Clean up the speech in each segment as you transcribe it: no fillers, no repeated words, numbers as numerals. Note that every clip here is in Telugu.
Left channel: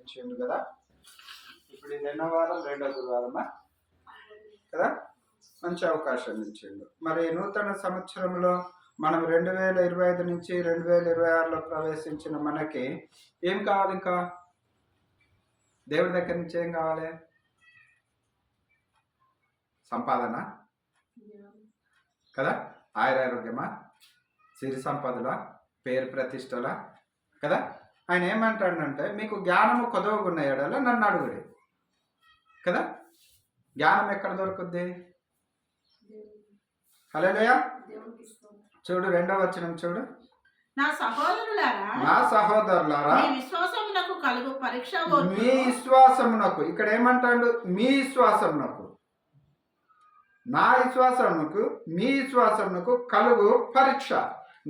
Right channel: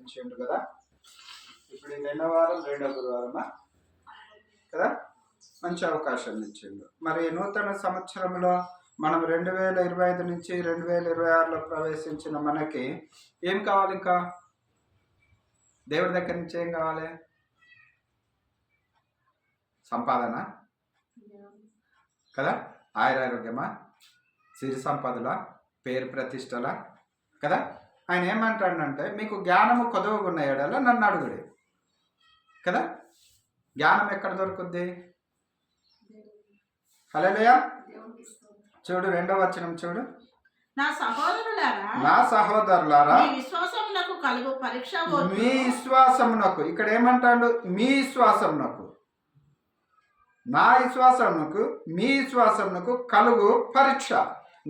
ఇచ్చిండు కదా. ఇప్పుడు నిన్న వారం రెండో గురువారమా కదా, మంచి అవకాశాన్ని ఇచ్చిండు. మరి నూతన సంవత్సరంలో మనం 2025 నుంచి 2026లో ప్రవేశించిన మనకి ఏం కావాలి? ఇంకా దేవుడి దగ్గర నుంచి ఏం కావాలి? సంపాదన కదా, ఆయురారోగ్యమా, సిరి సంపదల, పేరు ప్రతిష్టల కదా. ఆయన ఏమంటాడంటే మీకు జ్ఞానము కొదవగున్న ఎడల నన్ను అడుగుడి కదా. జ్ఞానం ఎక్కడ దొరుకుద్ది? హల్లెలూయా. చూడు 2వ వచనం చూడు. నా సహోదరులారా మీ విశ్వాసమునకు కలుగు పరీక్ష, మీ విశ్వాసమునకు, ఇక్కడ ఏమంటాడు? మీ విశ్వాసమునకు, నా విశ్వాసమునకు, మీ విశ్వాసమునకు కలుగు పరీక్ష.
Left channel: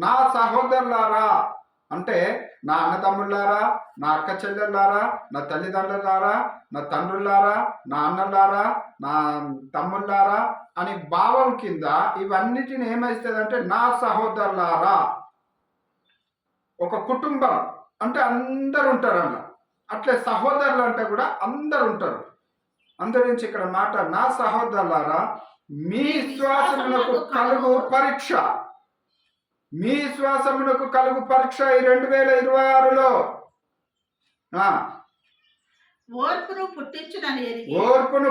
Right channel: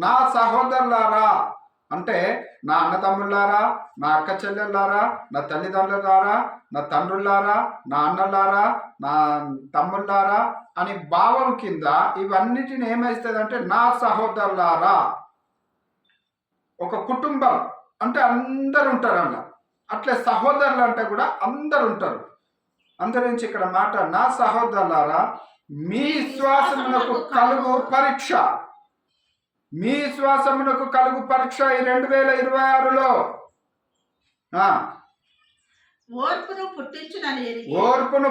నా సహోదరులారా అంటే నా అన్నతమ్ముళ్ళారా, నా అక్క చెల్లెళ్ళారా, నా తల్లిదండ్రులారా, నా తండ్రులారా, నా అన్నలారా, నా తమ్ముళ్ళారా అని భావం కింద ఇవన్నిటిని ఏమైస్తుందంటే నా సహోదరులారా. ఒక కుటుంబం అంటే అందరు ఉంటారు అన్న, అట్లే సహోదరులు అంటే కూడా అందరు ఉంటారు. అందరించి ఇక్కడ మాట నా సహోదరులారా మీ విశ్వాసమునకు కలుగు పరీక్ష, మీ విశ్వాసమునకు కలుగు పరీక్ష ఈ 2026లో ఓర్పును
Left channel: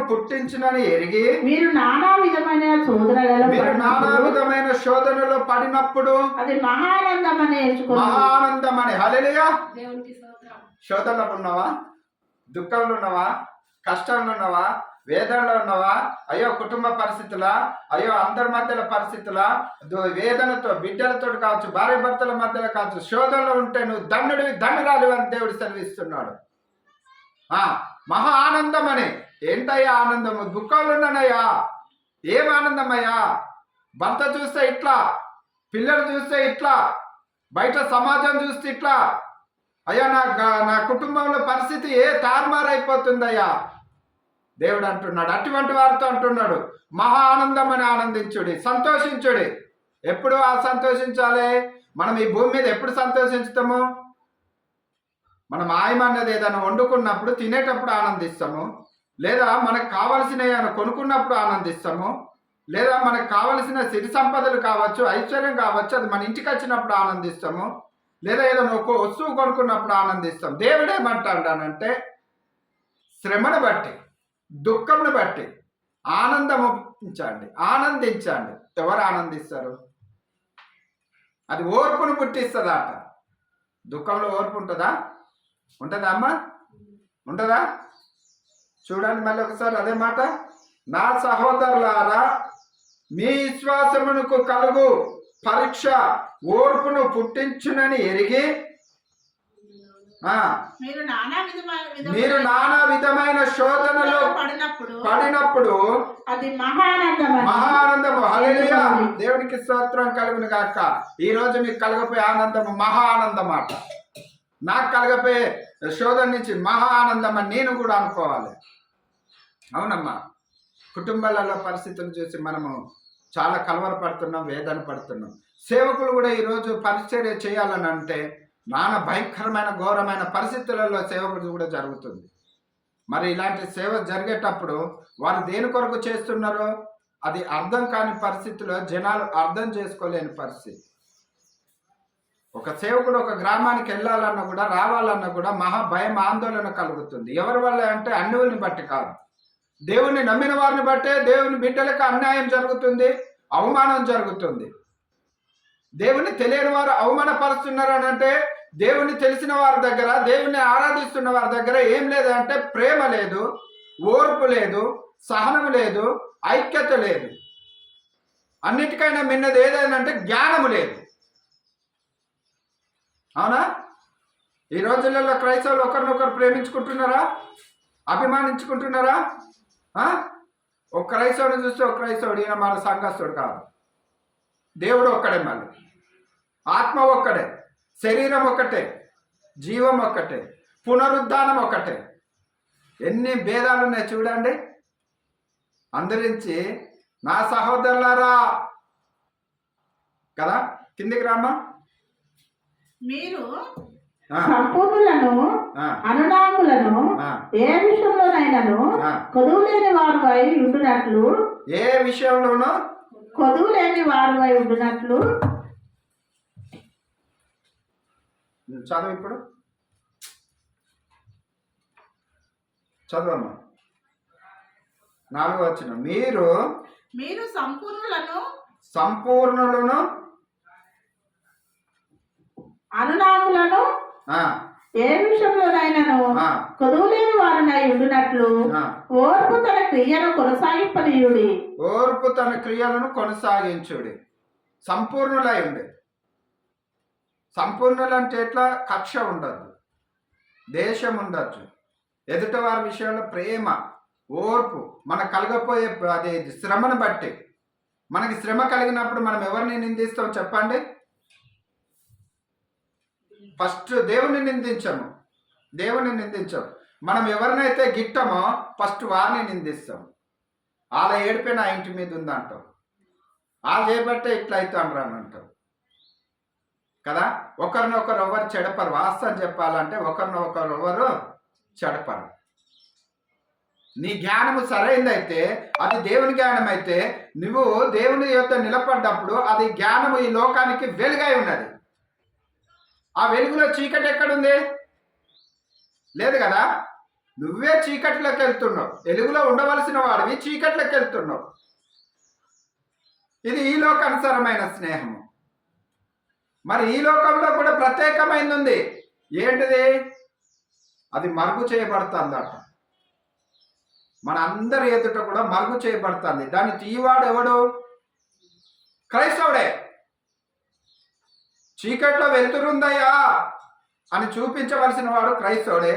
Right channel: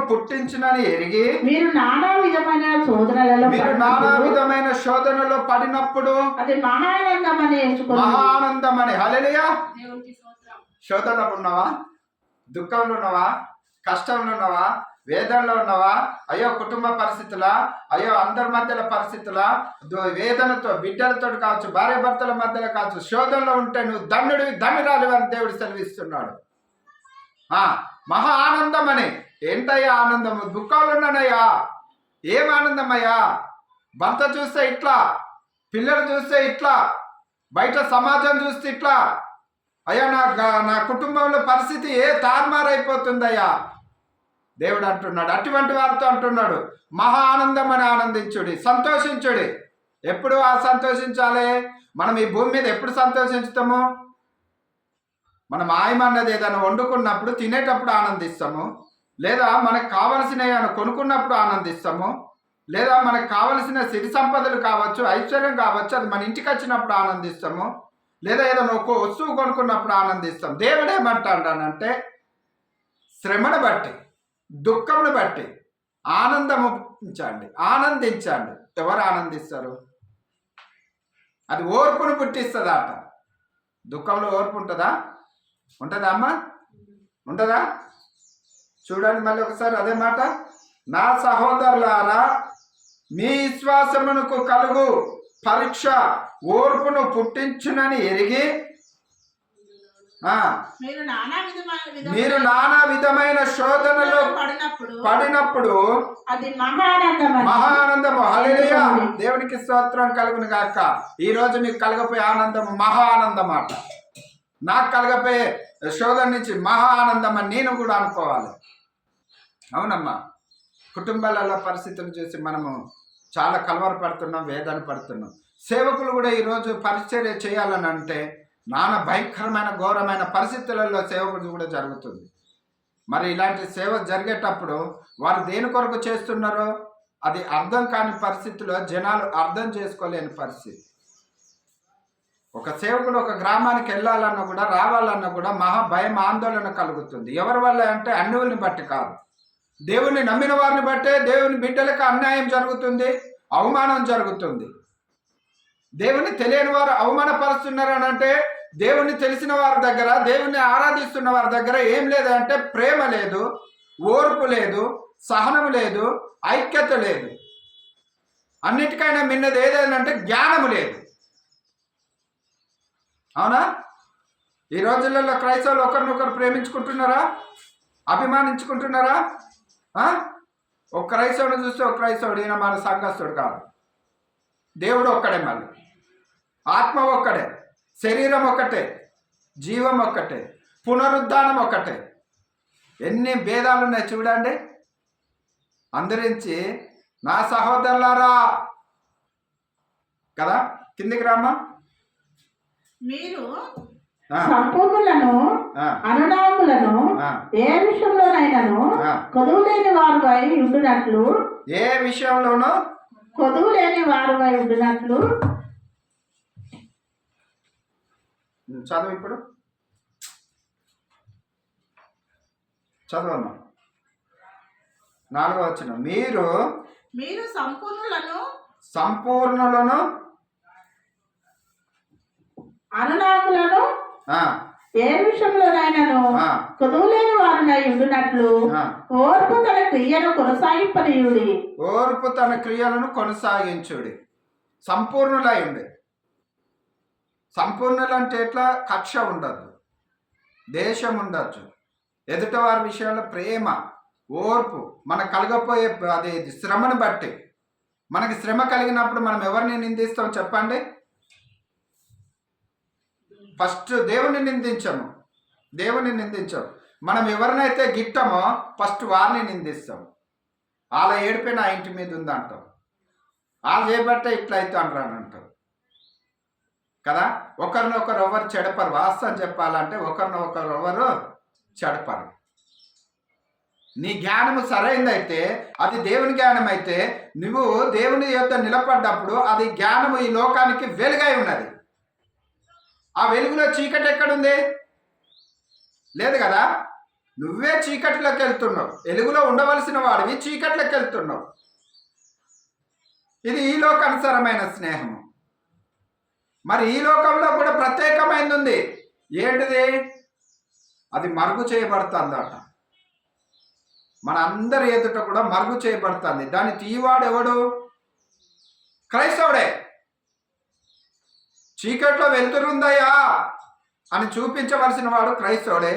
పుట్టించునని ఎరిగి మీరు నానా విధమైన శోధనలో పడినప్పుడు అది మహానందమని. హల్లెలూయా. శోధనలో ఉన్నావా? దుఃఖంలో ఉన్నావా? కష్టంలో ఉన్నావా? వేదనలో ఉన్నావా? అయ్యో కుటుంబ పరిస్థితులా, అయ్యో అందరి మధ్యల పరిస్థితులా, వేదనతో బిడ్డలతో కావచ్చు, భార్య భర్తల మధ్యలో కావచ్చు, శోధనలో ఉంటే నువ్వు ధన్యుడివి ధన్యురాలు అని దేవుడు సెలవిస్తున్నాడు. మహా ఆనందం అని. ఏంటయ్యా ఆనందము? దుఃఖాలు ఉన్నానయ్యా. ఏం ఆనందమయ్యా? భర్త చూస్తే ఇట్లా, పిల్లలు చూస్తే ఇట్లా, బయట సమాజం చూస్తే ఇట్లా, అయ్యా నా కుటుంబంలో పరిస్థితి తారుమారైపోతుందయ్యా. దేవుడు అంటున్నాడు, అటువంటి వారితో అంటున్నాడు మహా ఆనందం అని ఆనందించుడి, సంతోషించుడి. ఎప్పుడు సంతోషించాలి? మనం ఈ భూమి మీద ఎప్పుడు సంతోషించుతాము? మనం ఆయమన్నది ఏదైనా వండుకున్నప్పుడు తినేటప్పుడు ఆనందిస్తాము, లేదా మనకు కావలసినవి కొనుక్కున్నప్పుడు ఆనందిస్తాము, లేదా మనకు కావలసిన సిరి సంపదలు కావచ్చు, ఐశ్వర్యం కావచ్చు, అది మన ఇంటికి వచ్చినప్పుడు ఆనందిస్తాము, లేదా ఏదైనా ఒక వస్తువు కొనుక్కున్నప్పుడు ఆనందిస్తాం. దేవుడు ఏమంటాడంటే శ్రమను బట్టి దుఃఖమును బట్టి ఆనందించండి. ఎవరు ఆనందిస్తారు? అది ఓర్పును పుట్టిస్తుందా అట. దుఃఖంలో ఓర్పు ఉంటుందా? ఉంటుందా అమ్మా? ఉంటుందా? చూడండి మళ్ళీ ఒకసారి అదే మాట. నా సహోదరులారా మీ విశ్వాసమునకు కలుగు పరీక్ష ఓర్పును పుట్టించునని ఎరిగి మీరు నానా విధమైన శోధనలో పడినప్పుడు అది మహానందము. హల్లెలూయా. దేవునికి స్తోత్రం కలుగును గాక. ఈ రోజు మీకు కలగపోయే ఆనందము మహా ఆనందం అట. నాకు కలగపోయే శోధన నుంచి మహా ఆనందం అని నేను కూడా అనుకోవాలి. అవునమ్మా. కుటుంబాలలో పరిస్థితులు చూసి మనము చాలా కలవరపడుతున్నాం, వేదన పడుతున్నాం. సేవకులు కూడా ఈరోజు పరిచర్య చేయాలని అంటే నానా భయంకరమైన ఘోరమైన పరిస్థితులలో సేవకుడు కూడా జరుగుతుంది. మరి ఇలాంటి సేవ జరిగేటప్పుడు వారు దేని కొరకు చేస్తున్నారో అది అర్థం కాని పరిస్థితిలో జనాలు అర్థం చేసుకోలేని పరిస్థితి. ఒక సేవకుడు ఒక గ్రామానికి వెళ్ళాలన్నా కూడా రావాలన్నా కూడా మహా భయం ఆందోళన కలుగుతుంది. ఎవరి వల్ల అంటే అన్యుల్ని బట్టి కాదు, దేవుని నమ్మిన వారిని బట్టే దేవుని బిడ్డలకు అన్యాయం జరుగుతుంది, అవమానం జరుగుతుంది. దేవుని తెలియని వారు అవమానపరుస్తున్నారని అంటే దేవుణ్ణి తెలిసిన వారి దగ్గర, దేవుణ్ణి ఆరాధిస్తున్న వారి దగ్గర ఏం లేదంటే ప్రేమ లేదు, ఓర్పు లేదు, సహనం లేదు, ఐక్యత లేదు. అన్నిటికైనా మిన్నది ఏదైనా జ్ఞానము లేదు. అవునా? ఈ రోజులలో క్రైస్తవులు ఒకరినొకరు ప్రేమించుకుంటున్నారా? అభిమానించుకుంటున్నారా? ఒక క్రైస్తవుని చూస్తే ఒక క్రైస్తవుడు ఈయన మన సంఘస్థుడు కాదు. దేవుడు ఒక్కడే, మళ్ళీ ఆత్మ ఒక్కడే, శరీరం ఒక్కటే, జీవం ఒక్కటే, పునరుద్ధానం ఒక్కటే. ఎన్ని భేదాలు ఉన్నాయి చూడండి. అందరించి నా సహోదరులారా కదా. కిందికి రామ్మా. మీరు ఆ, సంపూర్ణులను ఆ, అనునాములను ఆ, ఏ విషయంలోనైనాను ఆ. కొదువు లేని వారువై ఉండునట్లు ఏ విషయంలోనూ కొదువు లేని వారువై ఉండునట్లు చదువు ఇప్పుడు చదవమ్మా. 4వ వచనం. మీరు మీరు సంపూర్ణులను సంపూర్ణులను అనునాములను ఆ, ఏ విషయంలోనైనాను ఆ, కొదువు లేని వారునై ఉండునట్లు ఆ. ఓర్పు తన క్రియను కొనసాగింపనీయుడి. ఓర్పు తన క్రియలను కొనసాగించుడి. సంపూర్ణులై ఉండే. సంపూర్ణులు అంటే ఎట్లా? కక్ష ఉండదు, దేశం ఉండొచ్చు, ఎదుటివారి విషయంలో ప్రేమ, ఓర్పు, మనకు కలగపోయే అది శ్రమను బట్టి. మనకి శ్రమ కలిగినప్పుడు మనం ఎవరిని నిందిస్తాం చెప్పండి? ఫస్ట్ దేవుని నిందించము, దేవుని నిందించము. మనం ఎవరినైతే గిట్టమో ఫస్ట్ వారిని నిందిస్తాం. వాళ్ళ ఏడిపే నా ఇంటి మీద ఉందంటాం, వాళ్ళు చేయబట్టే ఇట్లా అవుతాను అని అంటాం కదా. ఒకరినొకరు ఎవరు చెడపరు. వాస్తవం చెప్పాలంటే ఒకరినొకరు ఎవరు చెడపరు. నీ జ్ఞానము సరైనదైతే, అది దేవుని జ్ఞానం అయితే, నువ్వు దేవుని యొక్క నిలబడ్డప్పుడు అది జ్ఞానము ఈ లోకానికి వెలుగై ఉన్నది. ఆ వెలుగులో చీకటి ఎక్కడుంది? లేదు కదా. నువ్వే చీకట్లోకి వెళ్తున్నావు. వెలుగులో ఉండవలసిన వాడివి చీకట్లోకి వెళ్తున్నావు. ఇది ఈ లోకానుసారమైన స్నేహము. మరి ఈ లోకంలో కూడా ప్రత్యేకమైనది ఉంది. ఏంటిది? అది మరుగు చేయబడుతుందట. మన అందరి ఎదుట కూడా మరుగు చేయబడుతుంది. దాన్ని తీవాడు ఎవడు? క్రైస్తవుడే. చీకట్లో వెలుతురుందయ్యా అని చూపించవలసిన వాడు క్రైస్తవుడే.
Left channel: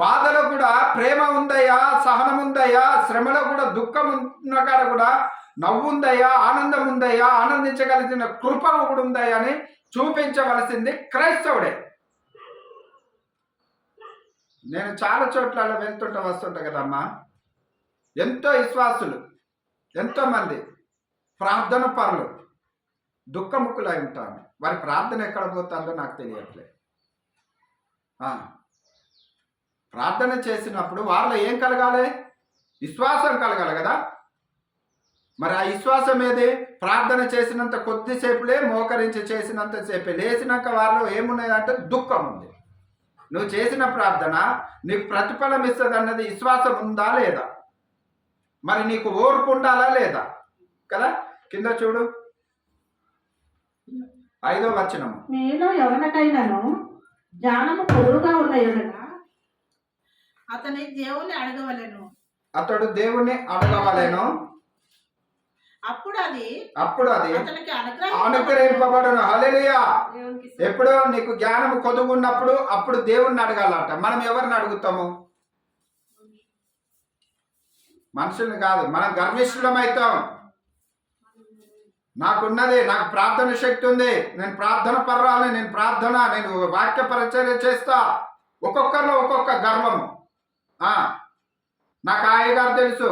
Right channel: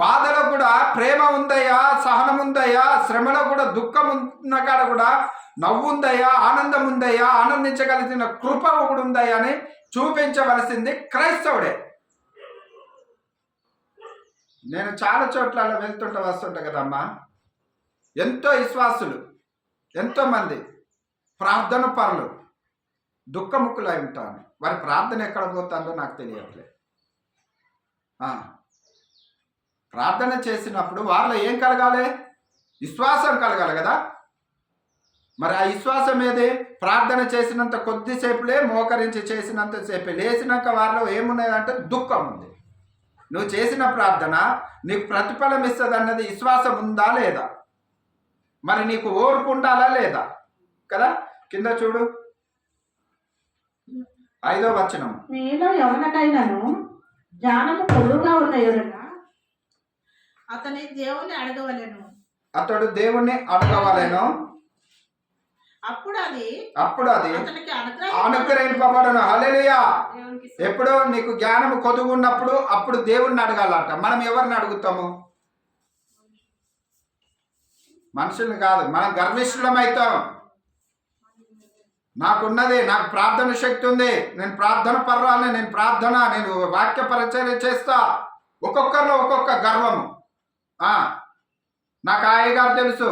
బాధలో కూడా ప్రేమ ఉందయ్యా, సహనం ఉందయ్యా, శ్రమలో కూడా దుఃఖం ఉన్న కాడ కూడా నవ్వు ఉందయ్యా, ఆనందం ఉందయ్యా, ఆనందించగలిగిన కృప కూడా ఉందయ్యా అని చూపించవలసింది క్రైస్తవుడే. నేను చాలా చోట్ల వస్తుంటా కదమ్మా. ఎంతో విశ్వాసులు, ఎంతోమంది ప్రార్థన పరులు దుఃఖముఖులై ఉంటాను. వారి ప్రార్థన ఎక్కడ పోతుందో నాకు తెలియట్లేదు. ప్రార్థన చేసినప్పుడు వాళ్ళలో ఏం కలగాలి? విశ్వాసం కలగాలి కదా. మరి ఆ విశ్వాసం ఏది? ప్రార్థన చేసినంత కొద్దిసేపులే, మోకరించి చేసినంతసేపే, లేచినాక వాళ్ళలో ఏమున్నదంటే దుఃఖం ఉంది. నువ్వు చేసిన ప్రార్థన నీకు ప్రతిఫలం ఇస్తుంది అన్నది విశ్వాసం ఉందా లేదా? మరి నీకు ఓర్పు ఉండాలా లేదా కదా. కింద చూడు 5వ వచనం. మీలో ఎవరికైనాను జ్ఞానము పొదువుగా ఉన్న ఎడల అతని దేవుని అడగవలెను. అతడు దేవుణ్ణి అడగవలెను. అప్పుడు అది అతనికి అనుగ్రహింపబడును. హల్లెలూయా. ఎప్పుడు నీకు జ్ఞానము కొదుగున్నప్పుడు అప్పుడు దేవుణ్ణి అడగాలంట. మనం ఎవరిని అడుగుతాము? మనుషుల్ని కాదు. మనం గర్విష్ఠులమవుతాం. నాకున్నది, నాకు ప్రార్థన శక్తి ఉంది, నేను ప్రార్థన పర్వాలని, నేను వాక్య పరిచర్య చేస్తా. ఒక్కొక్కరిలో ఒక్కొక్క గర్వము. నాకు ఆ అయ్యగారు తెలుసు,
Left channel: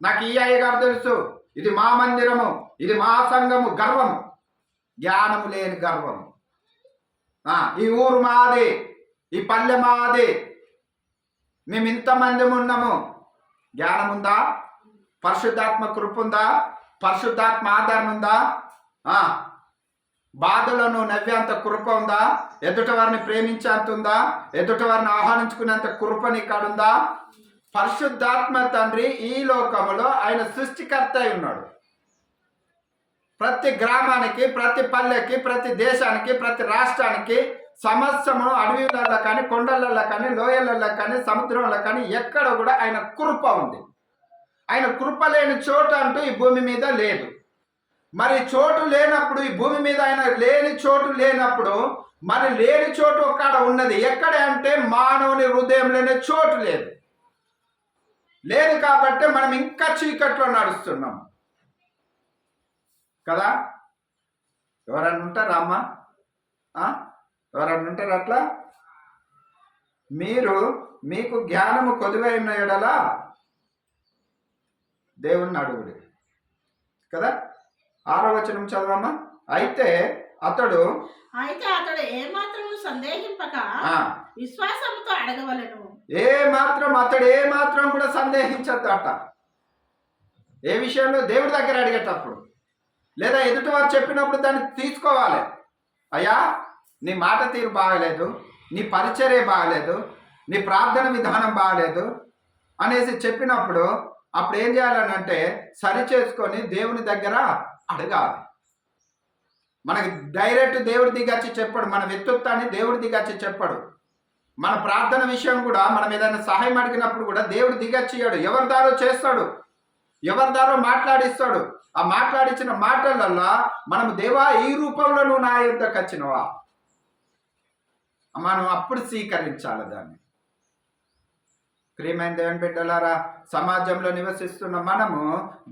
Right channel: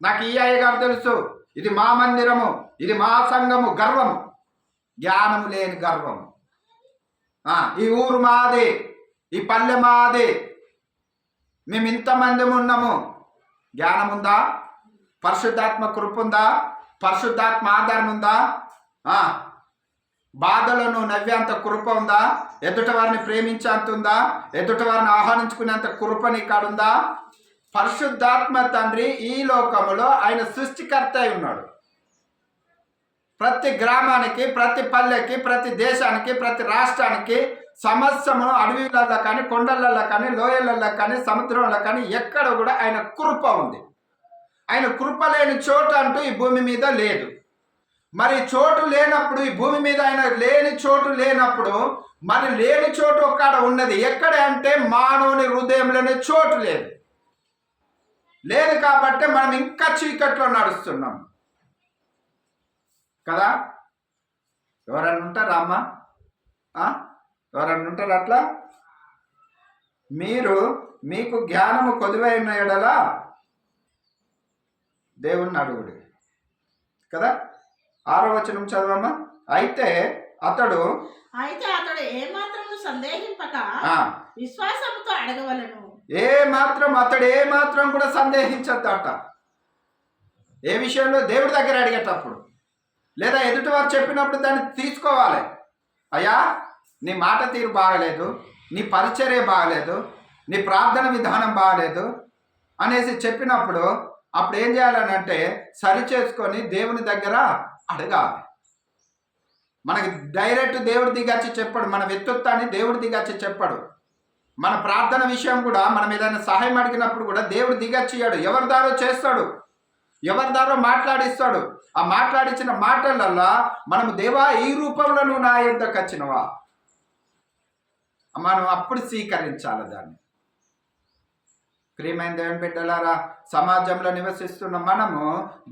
నాకు ఈ అయ్యగారు తెలుసు, ఇది మా మందిరము, ఇది మా సంఘము. గర్వము, జ్ఞానము లేని గర్వము. ఈ ఊరు మాది, ఈ పల్లె మాది, మేము ఇంతమంది ఉన్నాము. జ్ఞానం ఉందా? పరిశుద్ధాత్మ కృప ఉందా? పరిశుద్ధాత్మ ఆధారం ఉందా? బాధలో నువ్వు నవ్వేంత కృప ఉందా? ఎదుట వారిని ప్రేమించేంత ఉందా? ఎదుట వారిని ఆహ్వానించుకునేంత కృప నీకాడుందా? పరిశుద్ధాత్మ తండ్రి ఈ లోకములో ఆయన సృష్టికర్త అయి ఉన్నాడు. ప్రతి గ్రామానికి, ప్రతి పల్లెకి, ప్రతి దేశానికి, ప్రతి రాష్ట్రానికి, సమస్యము అడవిలలో కానీ, కొండలలో కానీ, లోయలలో కానీ, సముద్రంలో కానీ ఎక్కడ కూడా ఆయన కృప ఉంది. ఆయన కృప లేని చోటు అంటూ ఈ భూమి మీద లేదు. మరి చోటు లేనప్పుడు, ఈ భూమి మీద ఆయన లేని చోటు లేనప్పుడు, మరి లేని చోటు ఒక్కడ ఉన్నది. ఎక్కడ అంటే మానవుని హృదయంలోనే చోటు లేదు. లేదు కాబట్టి మనం ఇంకా చీకట్లో నడుస్తున్నాం కదా. ఎవరన్నా ఉంటారా అమ్మా? ఎవరన్నా ఉంటారు అట్లా? మీకు జ్ఞానము కొదువైన ఎడల దేవుణ్ణి అడుగుడు కదా. 6వ వచనం చదవమ్మా. అయితే అతడు అయితే అతడు ఏమాత్రము సందేహింపక ఆ, విశ్వాసంతో అడగవలెను. అతడు ఏ మాత్రం కూడా సందేహించద్దట. ఏ విషయంలో? దేవుడి దగ్గర అడిగేటప్పుడు, లేదా ఎదుటి వారు చెప్పినప్పుడు దాన్ని తీసుకోవాలి. అయ్యా, నీ మాట తీరు బాగలేదు, నీ పరిచర్య బాగలేదు, నీ ప్రార్థన విధానం బాగలేదు అనేసి చెప్పినప్పుడు అప్పుడు ఏం చేయాలని అంటే సరి చేసుకొని దేవుని దగ్గర అడగాలి. మనకి డైరెక్ట్ దేవుడి దిగచ్చి చెప్పడు, మన వ్యక్తిత్వాన్ని దేవుడి దిగచ్చి చెప్పడు. మన ప్రార్థన విషయం కూడా మనం ఏదైనా సహాయం అడిగినప్పుడు కూడా దేవుడు దిగచ్చియాడు, ఎవరి దారో చేస్తాడు, ఎవరి దారో మాట్లాడిస్తాడు. ఆ మాట్లాడించిన మాటలల్లో మనము దేవా ఈ రూపంలో నువ్వు నా యొద్దకు వచ్చినవా, మనం అప్పుడు స్వీకరించాలి దాన్ని. ప్రియమైన దేవుని బిడ్డలారా, సమాజంలో నివసిస్తున్న మనము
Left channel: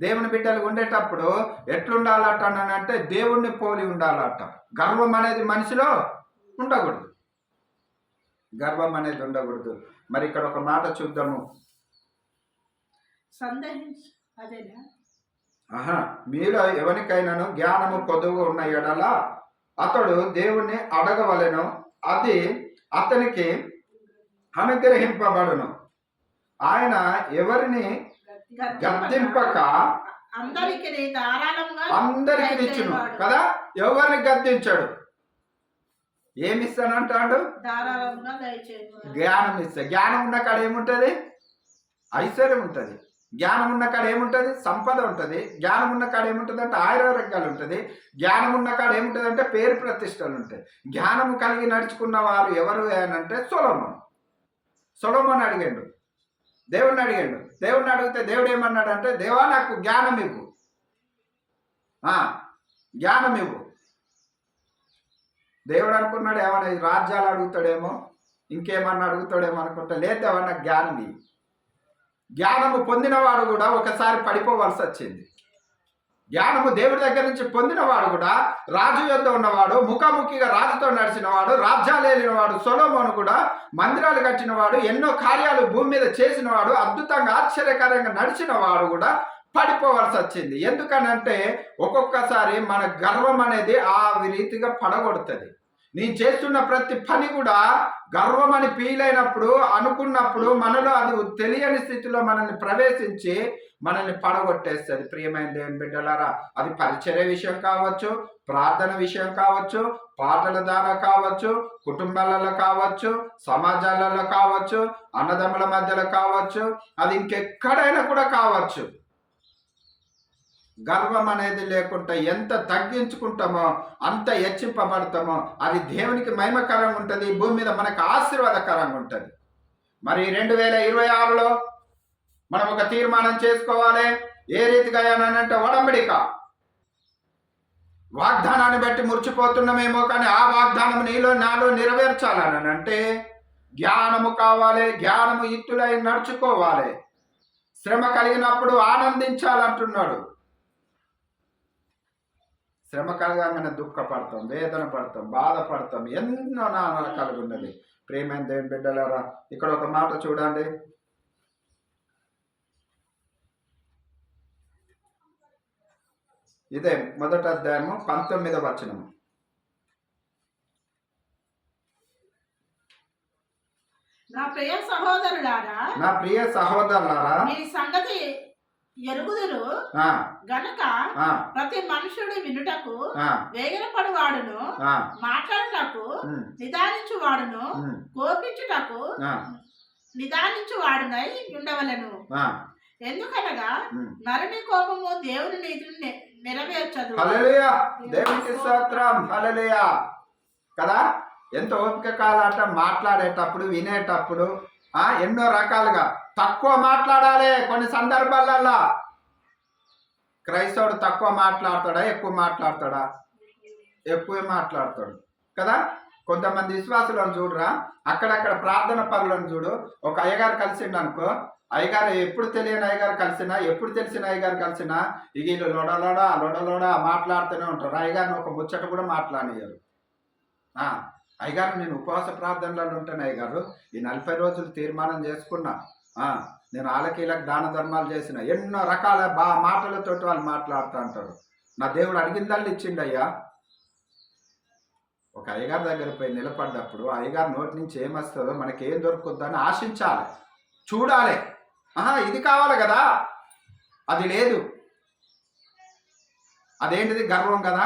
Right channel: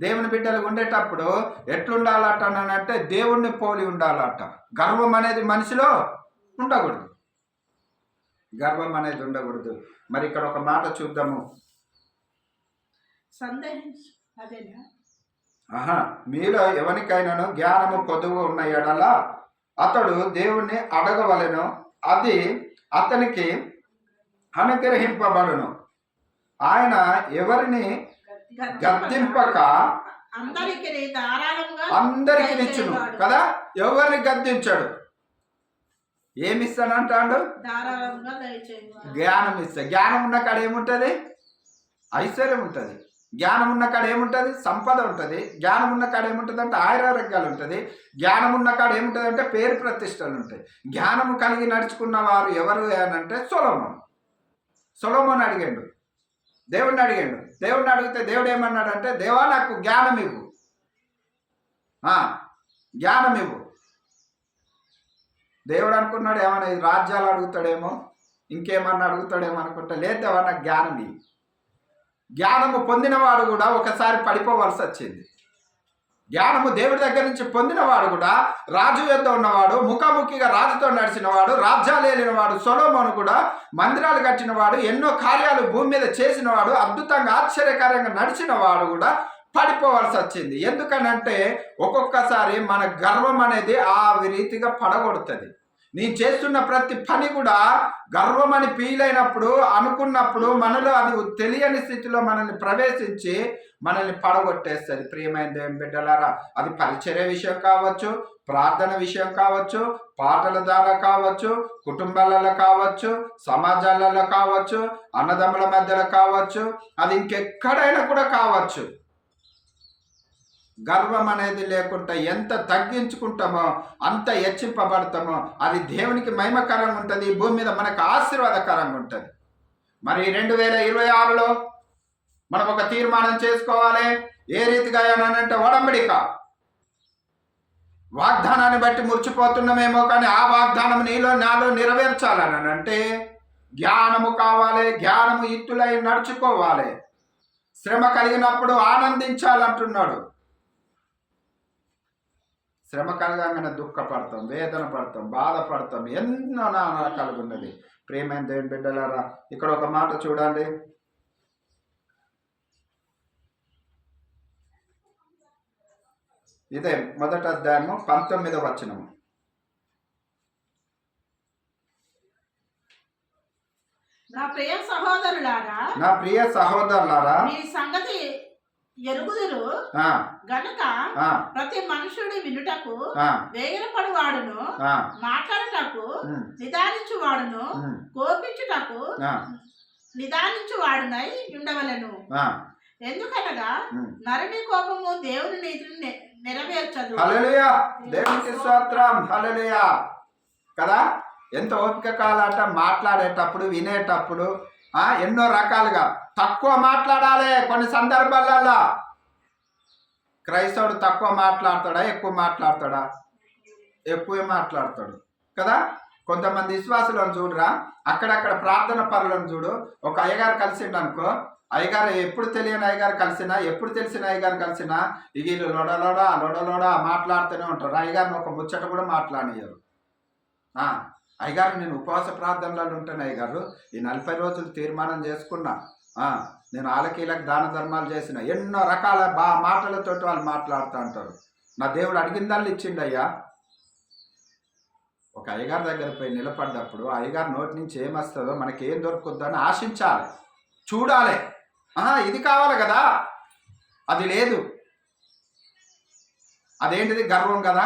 దేవుని బిడ్డలు ఉండేటప్పుడు ఎట్లుండాలట అంటే దేవుణ్ణి పోలి ఉండాలట. గర్వం అనేది మనిషిలో ఉండకూడదు, గర్వం అనేది ఉండకూడదు. మరి ఇక్కడ ఒక మాట చూద్దాము. మీలో ఎవరికైనాను జ్ఞానము కొదువు ఉన్న ఎడల అతడు దేవుణ్ణి అడగవలెను, అది అతనికి అనుగ్రహింపబడును. ఆయన ఎవరిని గద్దింపక అందరికి ఇచ్చును కదా. ఎవరిని గద్దించాడు? ఏమిస్తానంటాడు? జ్ఞానం ఇస్తా. జ్ఞానం ఉన్న కాడ ఏముంటుంది? ఐశ్వర్యం ఉంటుంది. జ్ఞానం ఉన్న కాడ ఏముంటుంది? సంపద ఉంటుంది. జ్ఞానం ఉన్న కాడ ఏముంటుంది అంటే ఆయురారోగ్యాలు ఉంటుంది. జ్ఞానం ఉన్న కాడ ఏముంటుంది అంటే పేరు ప్రతిష్టలు ఉంటాయి. జ్ఞానము కలిగి నడుచుకున్న వారు ఎవరు అనంటే సొలొమోను అడిగాడు, దేవుణ్ణి అడిగాడు. దేవుణ్ణి అడిగితే దేవుడు ఏమన్నాడంటే, దేవా నాకు జ్ఞానం ఇవ్వు, జ్ఞానం ఇవ్వు. దేవుడు అనుకున్నాడు ఏమన్నా రాజ్యాలు అడుగుతాడేమో, ఇంకేమన్నా అడుగుతాడేమో అనుకుంటా. లేదు దేవా నాకు జ్ఞానం ఇవ్వు. జ్ఞానము పొందినవాడు కూడా ఒకసారి పడిపోవలసి వచ్చింది. జ్ఞానము దేవుడి దగ్గర నుంచి పొందినవాడు కూడా, రాజు యొద్ద ఉన్నవాడు, ముఖాముఖిగా రాజుతో నడిచినవాడు, రాజ్యాలు ఏలినవాడు సొలొమోను కూడా మందిరాలు కట్టినవాడు, ఎన్నో కార్యాలు భూమి మీద చేసినవాడు, అద్భుతంగా ఆశ్చర్యకరంగా నడిచినవాడు కూడా పడిపోవలసి వచ్చింది. ఎందుకనంటే ఒక్కొక్కసారి మన గర్వం అనేది ఆ రీతిగా పడగొడుతుంది. నేను చేస్తున్న ప్రతి పని కూడా గర్వం అని ఫీల్ అయినప్పుడు, అనుకున్నప్పుడు మనలో అది తెలియని స్థితిలో మనల్ని ప్రవేశించి మనల్ని పడగొట్టేస్తుంది. ప్రియమైన దేవుని బిడ్డలారా, అది పరిచర్య విషయం కావచ్చు, ప్రార్థన విషయం కావచ్చు, పాటల ద్వారా కావచ్చు, కుటుంబాలలో కావచ్చు, సమాజాలలో కావచ్చు, అన్నదమ్ముల మధ్యలో కావచ్చు, అది ఇంకెక్కడైనా కూడా కావచ్చు. గర్వం అనేది లేకుండా ఎంత తగ్గించుకుంటామో అంత హెచ్చింపబడతామో అది దేవునికి మహిమకరంగా ఉంటుంది, భూమి మీద మనకు ఆశీర్వాదకరంగా ఉంటుంది. మరి 2026లో మనం ఒక తీర్మానం చేసుకోవాలి. ఏ రీతిగా అంటే ఒడంబడిక వాగ్దానాన్ని బట్టి మురిచిపోతున్నామేమో, కానీ ఆ వాగ్దానం నాలో నెరవేర్చాలని అంటే జ్ఞానము కావాలి. జ్ఞానము ఇత్తులై నడుచుకోవాలి. శ్రమ కలిగినప్పుడు ఆనందించాలంటున్నాడు. శ్రమ కలగానే దుఃఖపడతాం, వేదన పడతాం, బాధపడతాం, ఎన్నో నానా రకాలుగా ఉన్నది. ప్రియమైన దేవుని బిడ్డలారా, ఇక్కడ ఒక మాట చూడండి. ఇదే మొదటి అధ్యాయము 19వ వచనము. నా ప్రియ సహోదరులారా, మీ సంగతి ఎరుగుదురు గనుక ప్రతి మనుషుడు వినుటకు వేగిరపడు వాడును, మాట్లాడుటకు నిదానించు వాడును, కోపించుటకు నిదానించు వాడునై ఉండవలను. ఎందుకనగా నరుని కోపము దేవుని నీతిని నెరవేర్చదు. హల్లెలూయా, దేవునికి స్తోత్రం. హల్లెలూయా కదా. ఎంత ఓపిక కాలాట మాట్లాడేటప్పుడు, వినేటప్పుడు ఎన్నో రకాలుగా. తక్కువ మాట్లాడాలి. కొన్ని సందర్భాలలో క్రైస్తవుడు తక్కువ మాట్లాడతాడా, ఎక్కువ మాట్లాడతాడా? ఎక్కువ మాట్లాడతాడు కదా. కొంతమంది విశ్వాసులను చూడరా, అక్కడక్కడ ప్రార్థన పరులను చూడు. ఒక అయ్యగారు కలిసిండు అనుకో, అయ్యగారు ఎప్పుడు తెలియని అయ్యగారు కలిసినా, ఎప్పుడు తెలిసిన అయ్యగారు కలిసినా వీళ్ళు లొడలోడా మాట్లాడుతూనే ఉంటారు. అయ్యగారిని ఒక ముచ్చట కూడా మాట్లాడనియరు. అయ్యగారు నేను ఉపవాస ప్రార్థనలలో ఉంటాను అయ్యగారు, ఈ 40 రోజులు తీర్మానం చేసుకున్నా, నేను ఆలకీలకు దాన ధర్మాలు చేసిన, ఎన్నో రకాల మాటలతో వాళ్ళు మాట్లాడుతూ ఉంటారు. నా దేవుడు అడిగిందల్ని ఇచ్చిండయ్యా. ఒక అయ్యగారి దగ్గర పోయి నిలబడ్డప్పుడు అయ్యగారి నోటి నుంచి ఏమొస్తుందో మనకి ఏం దొరుకుతుందని ఆశించాలి, చూడాలి. ఇది కావాలి కదా, అది లేదు. అదేంటిది? గర్వం కదా,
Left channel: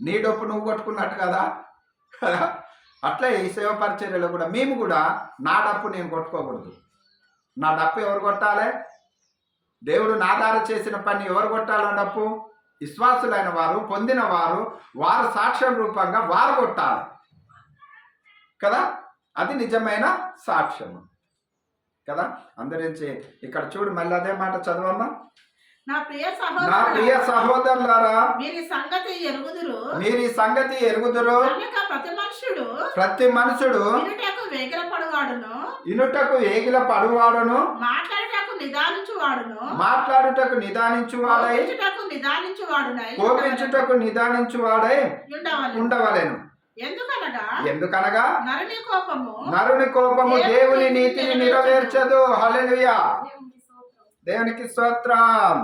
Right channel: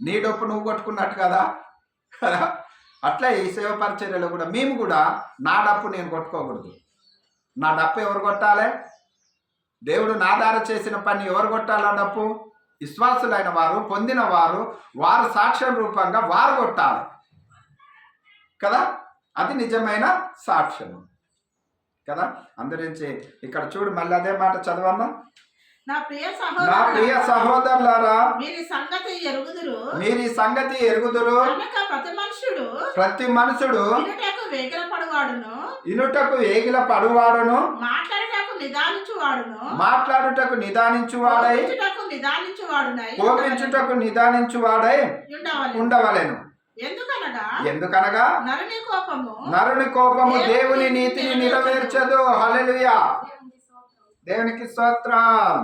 నీ డప్పు నువ్వు కొట్టుకున్నట్టు కదా కదా. అట్లే ఈ సేవ పరిచర్యలో కూడా మేము కూడా నా డప్పు నేను కొట్టుకోకూడదు. నా డప్పు ఎవరు కొట్టాలి? దేవుడు నా ద్వారా చేసిన పని ఎవరు కొట్టాలి? ఆ డప్పు విశ్వాసులైన వారు, పొందిన వారు, వారు సాక్ష్యం రూపంగా వారు కొట్టాలి కదా. అది నిజమైన సాక్ష్యము కదా. అందరించి ఇక్కడ చూడు, మళ్ళీ అదే మాట చదవమ్మా. నా ప్రియ సహోదరులారా, మీరు ఈ సంగతి ఎరుగుదురు. ప్రతి మనుషుడు ఇనుటకు వేగిల పడువాడును, మాట్లాడుటకు నిదానించువాడై, కోపించుటకు నిదానించువాడై ఉండవలెను. ఎందుకనగా నరుని కోపము దేవుని నీతిని నెరవేర్చదు. హల్లెలూయా, దేవునికి స్తోత్రం.